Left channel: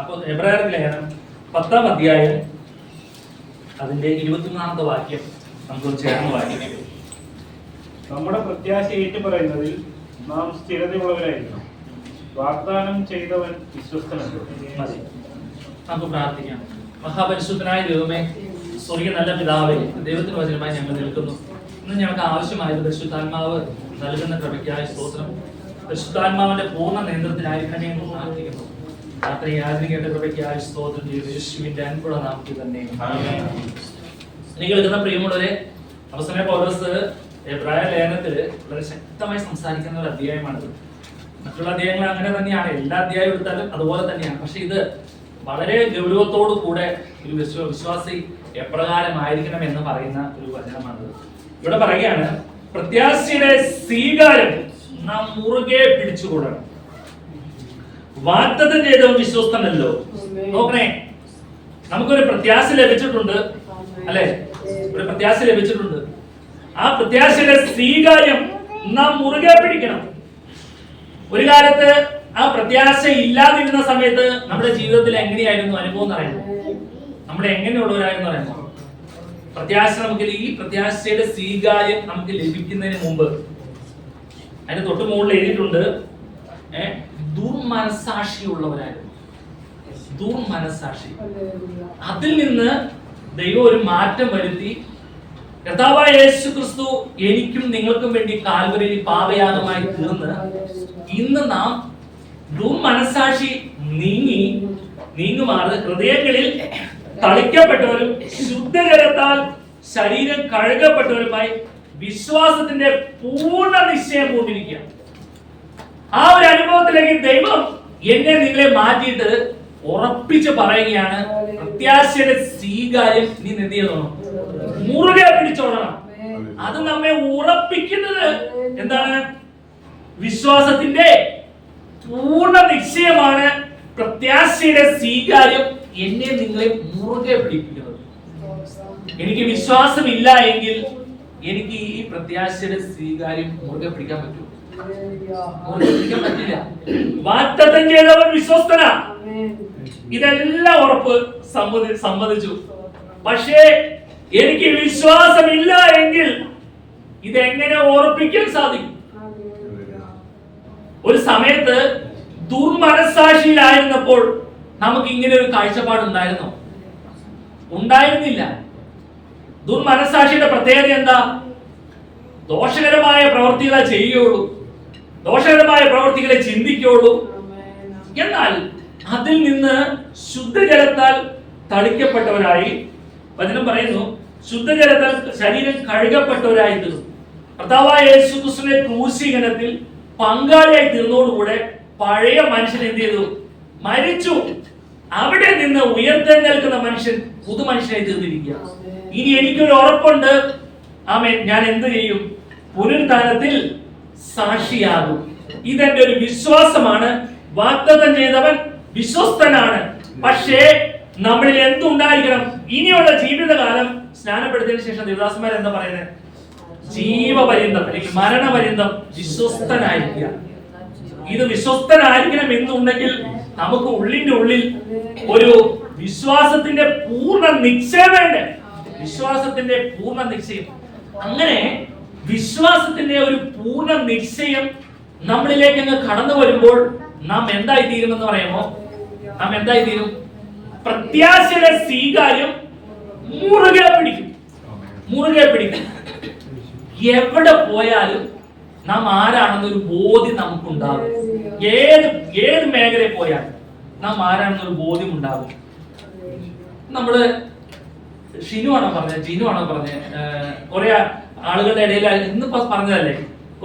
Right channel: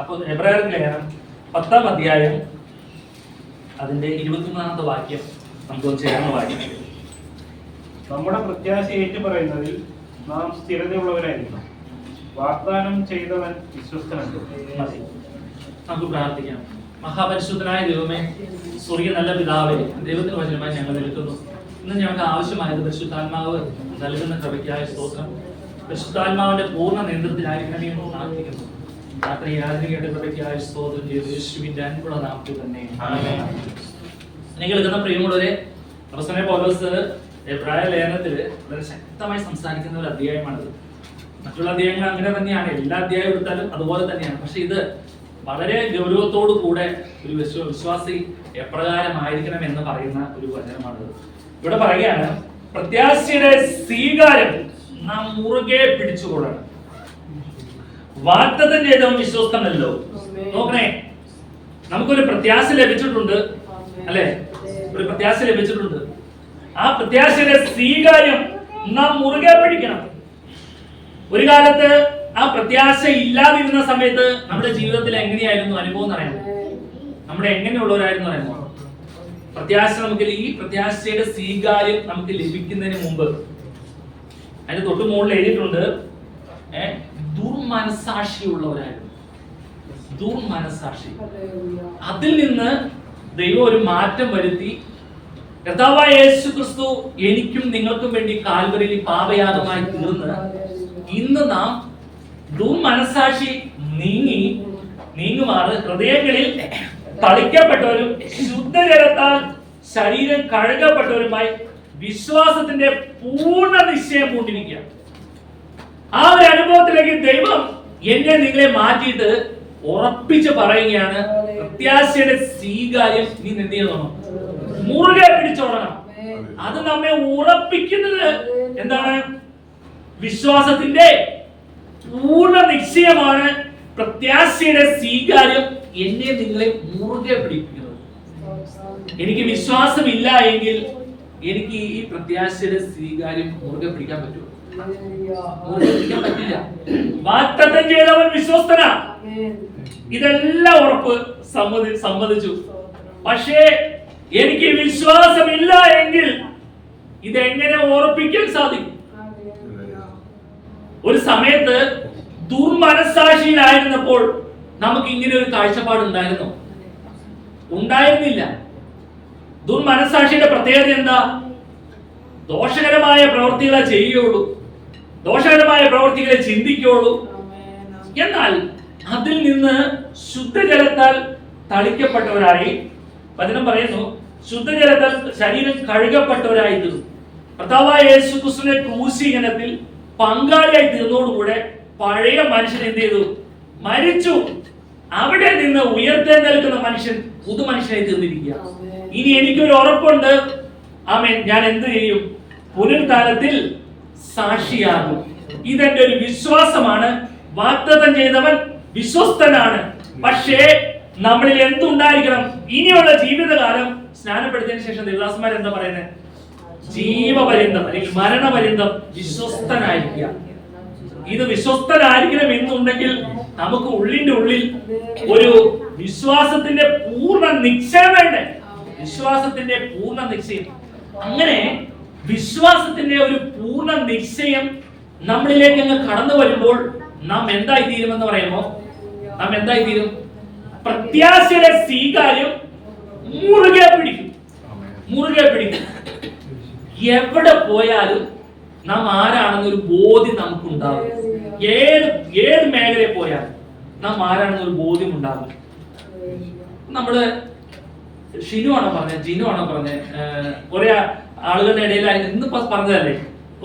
അപ്പോൾ എബ്രായർക്ക് ലേഖനം 10-ാം അധ്യായം അതിന്റെ 23-ാമത്തെ വാക്യം നമുക്കൊന്ന് ചേർന്ന് വായിക്കാം. നമ്മുടെ പ്രത്യാശ ഏറ്റുപറയുന്നതിൽ നാം സ്ഥിരതയുള്ളവരായിരിക്കണം. വാഗ്ദാനം ചെയ്തവൻ വിശ്വസ്തനല്ലോ. മതി, നമുക്ക് പ്രാർത്ഥിക്കാം. മഹാപരിശുദ്ധനായ ദൈവമേ, സ്വർഗീയ നല്ല പിതാവേ, ദൈവത്തിന് വചനമായി ഞങ്ങൾ നിൽക്കുന്നു. ഇന്ന് ഞങ്ങൾക്ക് ആവശ്യമായത് പരിശുദ്ധാത്മാവ് നൽകുന്ന കൃപയ്ക്കായ സ്തോത്രം. പരിശുദ്ധാത്മാവിന്റെ പൂർണ്ണ നിയന്ത്രണത്തിലായിരിക്കണമേ എന്ന് പ്രാർത്ഥിക്കുന്നു. രാത്രി യാചരിക്കേണ്ട കൃപയ്ക്കായ സ്തോത്രം ചെയ്ത് യേശുവിന്റെ അൻപുള്ള നാമത്തിൽ തന്നെ ആമേൻ. നിങ്ങൾ എഴുതുന്ന പ്രിയമുള്ളവരെ, അപ്പോസ്തലനായ പൗലോസ് എബ്രായ ലേഖനത്തിൽ വളരെ ശക്തമായി സംസാരിക്കുന്ന ഒരു അധ്യായമാണിത്. മറ്റുള്ള അധ്യായങ്ങൾ അങ്ങനെ തന്നെയാണ്, എല്ലാ അധ്യായം എടുത്താലും അതുപോലെ തന്നെയാണ്. പക്ഷെ ഇത് വളരെ ഗൗരവത്തോടു കൂടെ ഒരു വിശ്വാസി എപ്രകാരമായിരിക്കണം എന്ന് പറയുന്ന ഒരു വചനമാണിത്. ഇവിടെ പറയുകയാണ്, പ്രത്യാശയുടെ സ്വീകാരം നാം മുറുകെ പിടിച്ചുകൊള്ളണം. വാഗ്ദത്തം ചെയ്തവൻ വിശ്വസ്തനല്ലോ. നോക്കണേ, നമുക്കൊരു പ്രത്യാശ ലഭിച്ചിട്ടുണ്ട്, അല്ലെ? ഒരു പ്രത്യാശ ലഭിച്ചിട്ടുണ്ട്. ആ പ്രത്യാശയുടെ സ്വീകാര്യം നാം മുറുകെ പിടിക്കണം. ഒരു കാലത്ത് ആ പ്രത്യാശ ഇല്ലാതിരുന്ന സമയത്ത് നമ്മുടെ ജീവിതത്തിൽ എങ്ങനെയായിരുന്നു അനുഭവം എന്ന് അറിയാമോ? നമ്മൾ എങ്ങനെയുള്ളവരായിരുന്നു അറിയാമോ? പ്രത്യാശ നമുക്ക്, ഈ പ്രത്യാശയുടെ സ്വീകാര്യം നമുക്ക് ലഭിക്കുന്നതിന് മുമ്പ് അതിന് തൊട്ട് മുകളിൽ എഴുതിയിട്ടുണ്ട്, ദുർമനസാക്ഷിയുള്ളവരായിരുന്നു. ദുർമനസാക്ഷി. അതിൽ നിന്ന് ദൈവം ഒരു മാറ്റം വരുത്തി. കർത്താവായ യേശു ക്രിസ്തു എനിക്കും നിങ്ങൾക്കും വേണ്ടി കാൽവരിയിൽ പാപയാഗമായി തീർന്ന് ഇന്ന് നാം ദുർമനസാക്ഷി നീങ്ങുമാറ് ഹൃദയങ്ങളിൽ തളിക്കപ്പെട്ടവരും ശുദ്ധജലത്താൽ ശരീരം കഴുകപ്പെട്ടവരുമായി വിശ്വാസത്തിന്റെ പൂർണ്ണ നിശ്ചയം പൂണ്ടിരിക്കുക. ആ ഒരു അനുഭവത്തിലേക്ക് ദൈവം എന്നെ നിങ്ങളെ മാറ്റിയിട്ട് ഉറപ്പിച്ച് പറയുകയാണ്, പ്രത്യാശയുടെ സ്വീകാര്യം നീ എന്ത് ചെയ്യണം? മുറുകെ പിടിച്ചോടണം. അത് നമ്മെ ഉറപ്പിക്കുന്നത് എന്താണ്? വിശ്വാസത്തിന്റെ പൂർണ്ണ നിശ്ചയമാണ്. പ്രത്യാശയുടെ സ്വീകാര്യം എന്നെ നിങ്ങളെ മുറുകെ പിടിപ്പിക്കുന്നത്. എനിക്ക് വിശ്വാസമില്ല എങ്കിൽ എനിക്ക് ഈ പ്രത്യാശയുടെ സ്വീകാര്യം മുറുകെ പിടിക്കാൻ പറ്റുമോ? മുറുകെ പിടിക്കാൻ പറ്റില്ല. വാഗ്ദത്തം ചെയ്തവൻ വിശ്വസ്തനാ. ഇതെല്ലാം ഉറപ്പ് സമ്മതിച്ചു. പക്ഷേ എനിക്ക് വിശ്വാസമില്ല എങ്കിൽ ഇതെങ്ങനെ ഉറപ്പിക്കാൻ സാധിക്കും? ഒരു സമയത്ത് ദുർമനസാക്ഷിയിലായിരുന്നപ്പോൾ നമുക്ക് ഇങ്ങനെ ഒരു കാഴ്ചപ്പാട് ഉണ്ടായിരുന്നോ? ഉണ്ടായിരുന്നില്ല. ദുർമനസാക്ഷിയുടെ പ്രത്യേകത എന്താ? ദോഷകരമായ പ്രവൃത്തികളെ ചെയ്യുകയുള്ളൂ, ദോഷകരമായ പ്രവൃത്തികളെ ചിന്തിക്കുകയുള്ളൂ. എന്നാൽ അതിൽ നിന്ന് ശുദ്ധജലത്താൽ തളിക്കപ്പെട്ടവരായി, വചനം പറയുന്നു, ശുദ്ധജലത്താൽ ശരീരം കഴുകപ്പെട്ടവരായി തീർന്നു. കർത്താവായ യേശു ക്രിസ്തുവിന്റെ ക്രൂശീകരണത്തിൽ പങ്കാളിയായി തീർന്നതോടുകൂടെ പഴയ മനുഷ്യൻ എന്ത് ചെയ്തു? മരിച്ചു. അവിടെ നിന്ന് ഉയർത്തെഴുന്നേൽക്കുന്ന മനുഷ്യൻ പുതുമനുഷ്യനായി തീർന്നിരിക്കുക. ഇനി എനിക്കൊരു ഉറപ്പുണ്ട്, ആമേൻ, ഞാൻ എന്ത് ചെയ്യും? പുനരുത്ഥാനത്തിൽ സാക്ഷിയാകും. ഇതെന്റെ ഒരു വിശ്വാസമാണ്. വാഗ്ദത്തം ചെയ്തവൻ വിശ്വസ്തനാണ്. പക്ഷേ നമ്മളിൽ എന്തുണ്ടായിരിക്കണം? ഇനിയുള്ള ജീവിതകാലം സ്നാനപ്പെടുത്തിയതിനു ശേഷം ദേവദാസന്മാർ എന്താ പറയുന്നത്? ജീവപര്യന്തം അല്ലെങ്കിൽ മരണപര്യന്തം വിശ്വസ്തനായിരിക്കുക. ഇത് വിശ്വസ്തനായിരിക്കണം എന്നുണ്ടെങ്കിൽ നമുക്ക് ഉള്ളിന്റെ ഉള്ളിൽ ഒരു വിശ്വാസത്തിന്റെ പൂർണ്ണ നിശ്ചയം വേണ്ടേ? വിശ്വാസത്തിന്റെ പൂർണ്ണ നിശ്ചയം. അങ്ങനെ വിശ്വാസത്തിന്റെ ഒരു പൂർണ്ണ നിശ്ചയം നമ്മളിലേക്ക് അങ്ങ് കടന്നു വരുമ്പോൾ നാം എന്തായി തീരുമെന്ന് പറയുമോ? നാം എന്തായി തീരും? പ്രത്യാശയുടെ സ്വീകാര്യം മുറുകെ പിടിക്കും. മുറുകെ പിടിക്കും. എവിടെ പോയാലും നാം ആരാണെന്നൊരു ബോധ്യം നമുക്കുണ്ടാകും. ഏത് മേഖലയിൽ പോയാലും നാം ആരാണെന്നൊരു ബോധ്യം ഉണ്ടാകും. നമ്മള് ഷിനു ആണോ പറഞ്ഞത്, ജിനു ആണോ പറഞ്ഞത്, കുറെ ആളുകളുടെ ഇടയിൽ ഇന്നിപ്പോ പറഞ്ഞതല്ലേ,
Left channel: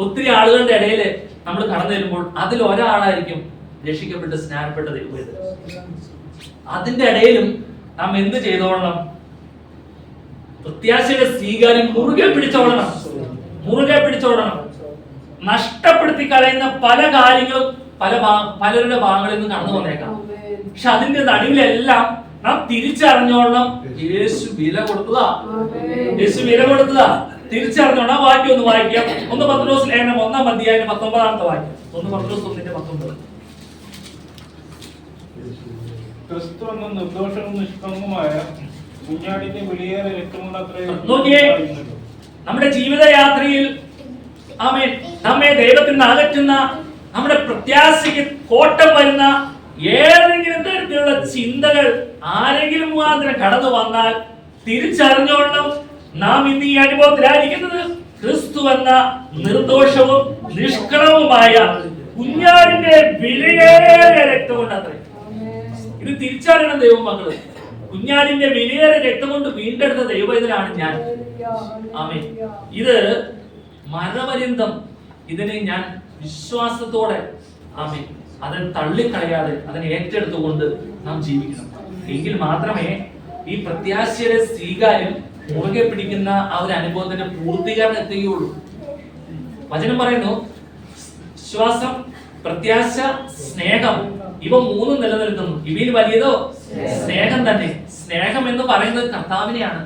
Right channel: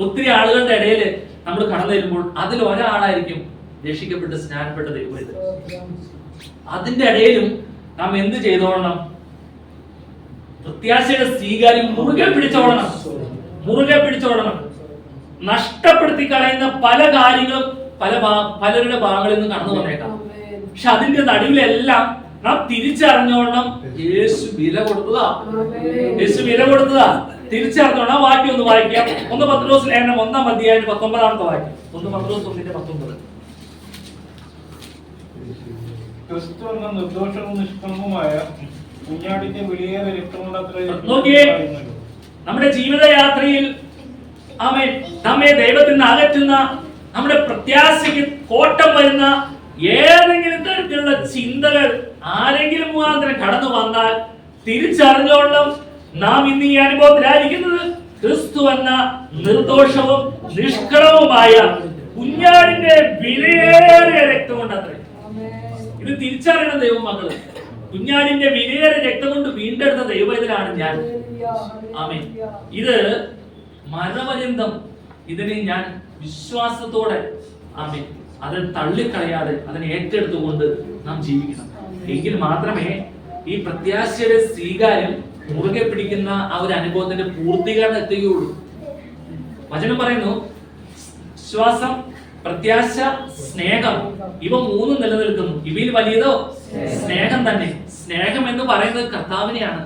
ഒത്തിരി ആളുകളുടെ ഇടയിൽ നമ്മൾ കടന്നു വരുമ്പോൾ അതിൽ ഒരാളായിരിക്കും രക്ഷിക്കപ്പെട്ട് സ്നാനപ്പെട്ട ദൈവം. അതിന്റെ ഇടയിലും നാം എന്ത് ചെയ്തോളണം? പ്രത്യാശയുടെ സ്വീകാര്യം മുറുകെ പിടിച്ചോളണം. മുറുകെ പിടിച്ചോളണം. നഷ്ടപ്പെടുത്തി കളയുന്ന പല കാര്യങ്ങളും പലരുടെ ഭാഗങ്ങളിൽ നിന്ന് കടന്നു വന്നേക്കാം. പക്ഷെ അതിന്റെ നടുവിലെല്ലാം നാം തിരിച്ചറിഞ്ഞോളണം, യേശു വില കൊടുത്തതാ. യേശു വില കൊടുത്തതാ. തിരിച്ചറിഞ്ഞോളാം. വാക്യം ഒന്ന് വായിക്കാം. 1 പത്രോസ് ലേഖനം 1-ാം അധ്യായം 19-ാമത്തെ വാക്യം. 1 പത്രോസ് 1:19. ക്രിസ്തു എന്ന നിർദോഷവും നിഷ്കളങ്കവുമായ കുഞ്ഞാടിന്റെ വിലയേറെ രക്തം കൊണ്ടത്രേ നോക്കിയേ, നമ്മുടെ ജീവിതയാത്രയിൽ ആമേൻ നമ്മെ ദൈവത്തിൽ നിന്ന് അകറ്റുന്ന, നമ്മുടെ പ്രത്യാശയ്ക്ക് കോട്ടം വരുന്ന ഏതെങ്കിലും തരത്തിലുള്ള ചിന്തകൾ ആരെങ്കിലും മുഖാന്തരം കടന്നു വന്നാൽ തിരിച്ചറിഞ്ഞോളം നാം ഇന്ന് ഈ അനുഭവത്തിലായിരിക്കുന്നത് ക്രിസ്തു എന്ന നിർദോഷവും നിഷ്കളവുമായ കുഞ്ഞാടിന്റെ വിലയേറിയ രക്തം കൊണ്ടത്രേ. ഇത് തിരിച്ചറിയണം ദൈവമക്കള്. കുഞ്ഞാടിന്റെ വിലയേറിയ രക്തം കൊണ്ട് വീണ്ടെടുത്ത ദൈവത്തിലാണ് ഞാൻ. ആമേൻ. ഇത് മരണപര്യന്തം ഇതിനെ ഞാൻ വിശ്വാസത്തോടെ ആമേൻ അത് തള്ളിക്കളയാതെ അതിനെ ഏറ്റെടുത്തുകൊണ്ട് നാം ജീവിക്കണം. എങ്കിൽ മാത്രമേ ഈ പ്രത്യാശയുടെ സ്വീകാര്യം മുറുകെ പിടിക്കുന്ന ആ ഒരു അനുഭവത്തിന്റെ പൂർത്തീകരണം എത്തുകയുള്ളൂ. വചനം പറയുന്നു, വിശ്വാസം, പ്രത്യാശ, സ്നേഹം, ഇവ മൂന്നും നിലനിൽക്കുന്നു. ഇവയിൽ വലിയതോ സ്നേഹം തന്നെ. സ്നേഹം എന്ന് പറയുന്നത് കർത്താവിനെയാണ്.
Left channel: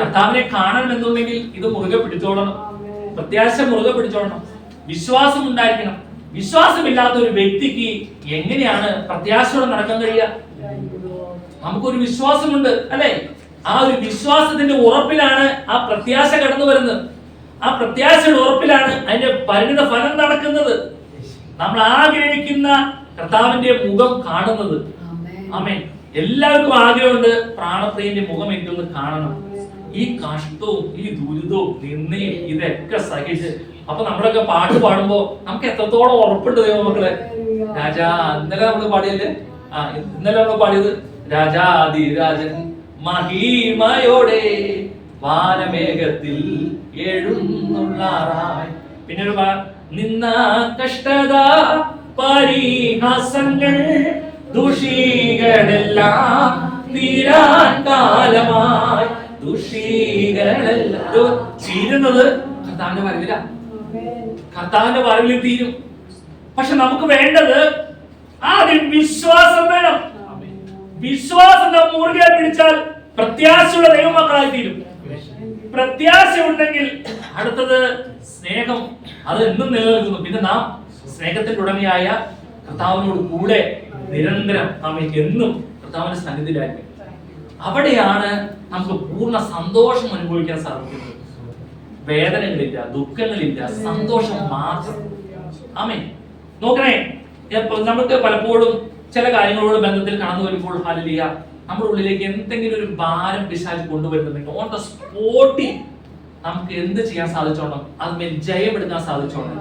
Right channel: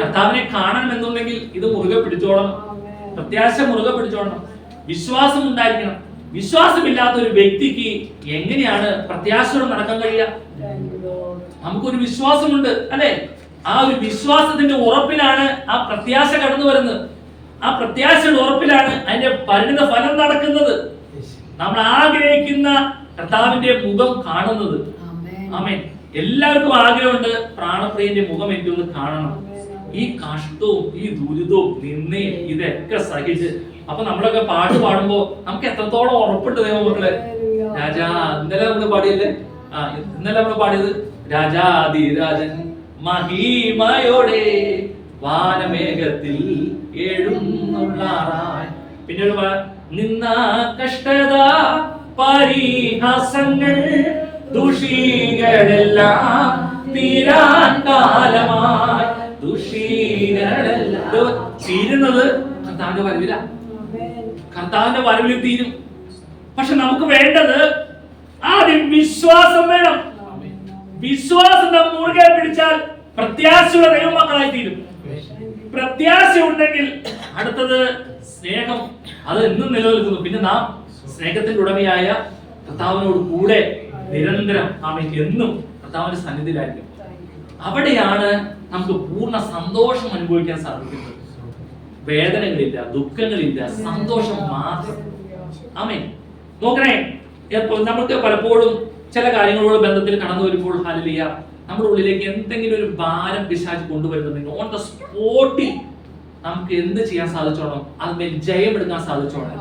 കർത്താവിനെ കാണണം എന്നുണ്ടെങ്കിൽ ഇത് മുറുകെ പിടിച്ചോളണം. പ്രത്യാശ മുറുകെ പിടിച്ചോളണം. വിശ്വാസം ഉണ്ടായിരിക്കണം. വിശ്വാസമില്ലാത്ത ഒരു വ്യക്തിക്ക് എങ്ങനെയാണ് പ്രത്യാശയോടെ നടക്കാൻ കഴിയുക? നമുക്കൊരു വിശ്വാസമുണ്ട് അല്ലെ? ആ ഒരു വിശ്വാസത്തിന്റെ ഉറപ്പിലാണ് ആ പ്രത്യാശ കടന്നു വരുന്നത്. ആ പ്രത്യാശയുടെ ഉറപ്പിലാണ് അതിന്റെ പരിണിത ഫലം നടക്കുന്നത്. നമ്മൾ ആഗ്രഹിക്കുന്ന കർത്താവിന്റെ മുഖം കാണുന്നത്. ആമേൻ. എല്ലാവർക്കും ആഗ്രഹമുണ്ട് പ്രാണപ്രിയന്റെ മുഖം എനിക്കൊന്ന് കാണണം. ഈ കഷ്ടവും ഈ ദുരിതവും നിന്നയും ഇതൊക്കെ സഹിച്ച് അപ്പൊ നമ്മളൊക്കെ പാട്ട് പാടുമ്പോ നമുക്ക് എത്രത്തോളം ഉറപ്പുണ്ട് ദൈവമക്കളെ. രാജാ, ഇന്നലെ നമ്മൾ പാടിയല്ലേ? ഇന്നലെ നമ്മൾ പാടിയത് രാജാധിരാജൻ മഹിമയോടെ വാനമേഘത്തിൽ എഴുന്നള്ളാറായി. പിന്നെ ഒരു നിന്ന കഷ്ടത പരിഹാസങ്ങൾ ദുഷികളെല്ലാം തീരാൻ കാലമായി. ദുഷികളെല്ലാം തീരുന്നത് കർത്താവിന്റെ വരവില. കർത്താവിന്റെ വരവിൽ തീരും. പക്ഷെ നമുക്ക് വേണ്ടത് ആദ്യം വിശ്വാസം വേണം. വിശ്വാസം നാം മുറുകെ പിടിച്ചാൽ പ്രത്യാശയുടെ ദൈവമക്കളായി തീരും. പ്രത്യാശ ഉണ്ടെങ്കിൽ അടുത്തത് സ്നേഹം, അത് എന്നും നിലനിൽക്കുന്നു. പിന്നെ നാം സ്നേഹത്തിന്റെ ഉടമയായ കർത്താവിനോട് കൂടെ നിരന്തരം നാം എന്നും കർത്താവിന്റെ സന്നിധിയിലായിരിക്കും. അവിടെയാണ് നമുക്ക് പൂർണ്ണ സന്തോഷം അനുഭവിക്കാൻ സാധിക്കുന്നത്. വേദനകളില്ല, ദുഃഖങ്ങളില്ല, സന്തോഷം മാത്രം. ആമേൻ. നോക്കണേ, നമുക്ക് പലപ്പോഴും ചില കാര്യങ്ങളോട് ബന്ധത്തിൽ കടന്നു വരുമ്പോൾ ഹല്ലേലൂയ നമ്മുടെ ഉള്ളിലേക്ക് എന്തെങ്കിലും ഒരു ഭാരം പിശാച് കൊണ്ടുവരുന്നുണ്ടെങ്കിൽ ഓൺ ദ സ്പോട്ടിൽ നമുക്ക് എന്ത് ചെയ്യാൻ സാധിച്ചോണം? അതിന്മേൽ ജയമെടുക്കാൻ സാധിച്ചോണം.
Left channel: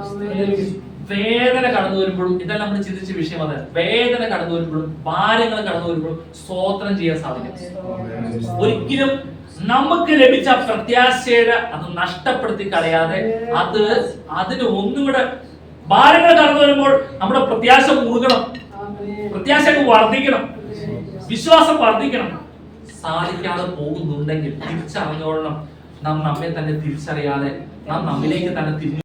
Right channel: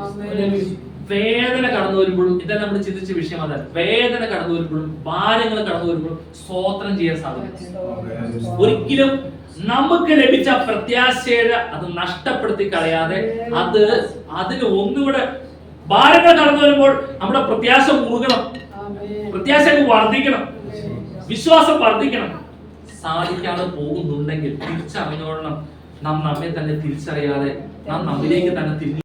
വേദന കടന്നു വരുമ്പോഴും, ഇതെല്ലാം നമ്മൾ ചിന്തിച്ച വിഷയം അതാണ്. വേദന കടന്നു വരുമ്പോഴും ഭാരങ്ങൾ കടന്നു വരുമ്പോഴും സ്തോത്രം ചെയ്യാൻ സാധിക്കും. ഒരിക്കലും നമുക്ക് ലഭിച്ച പ്രത്യാശയുടെ അത് നഷ്ടപ്പെടുത്തി കളയാതെ അതിന് ഒന്നുകൂടെ ഭാരങ്ങൾ കടന്നു വരുമ്പോൾ നമ്മുടെ പ്രത്യാശ മുറുകണം, പ്രത്യാശ വർദ്ധിക്കണം, വിശ്വാസം വർദ്ധിക്കണം. സാധിക്കാതെ പോകുന്നുണ്ടെങ്കിൽ തിരിച്ചറിഞ്ഞോളണം. നാം നമ്മെ തന്നെ തിരിച്ചറിയാതെ നാം നമ്മിലേക്ക് തന്നെ തിരിഞ്ഞു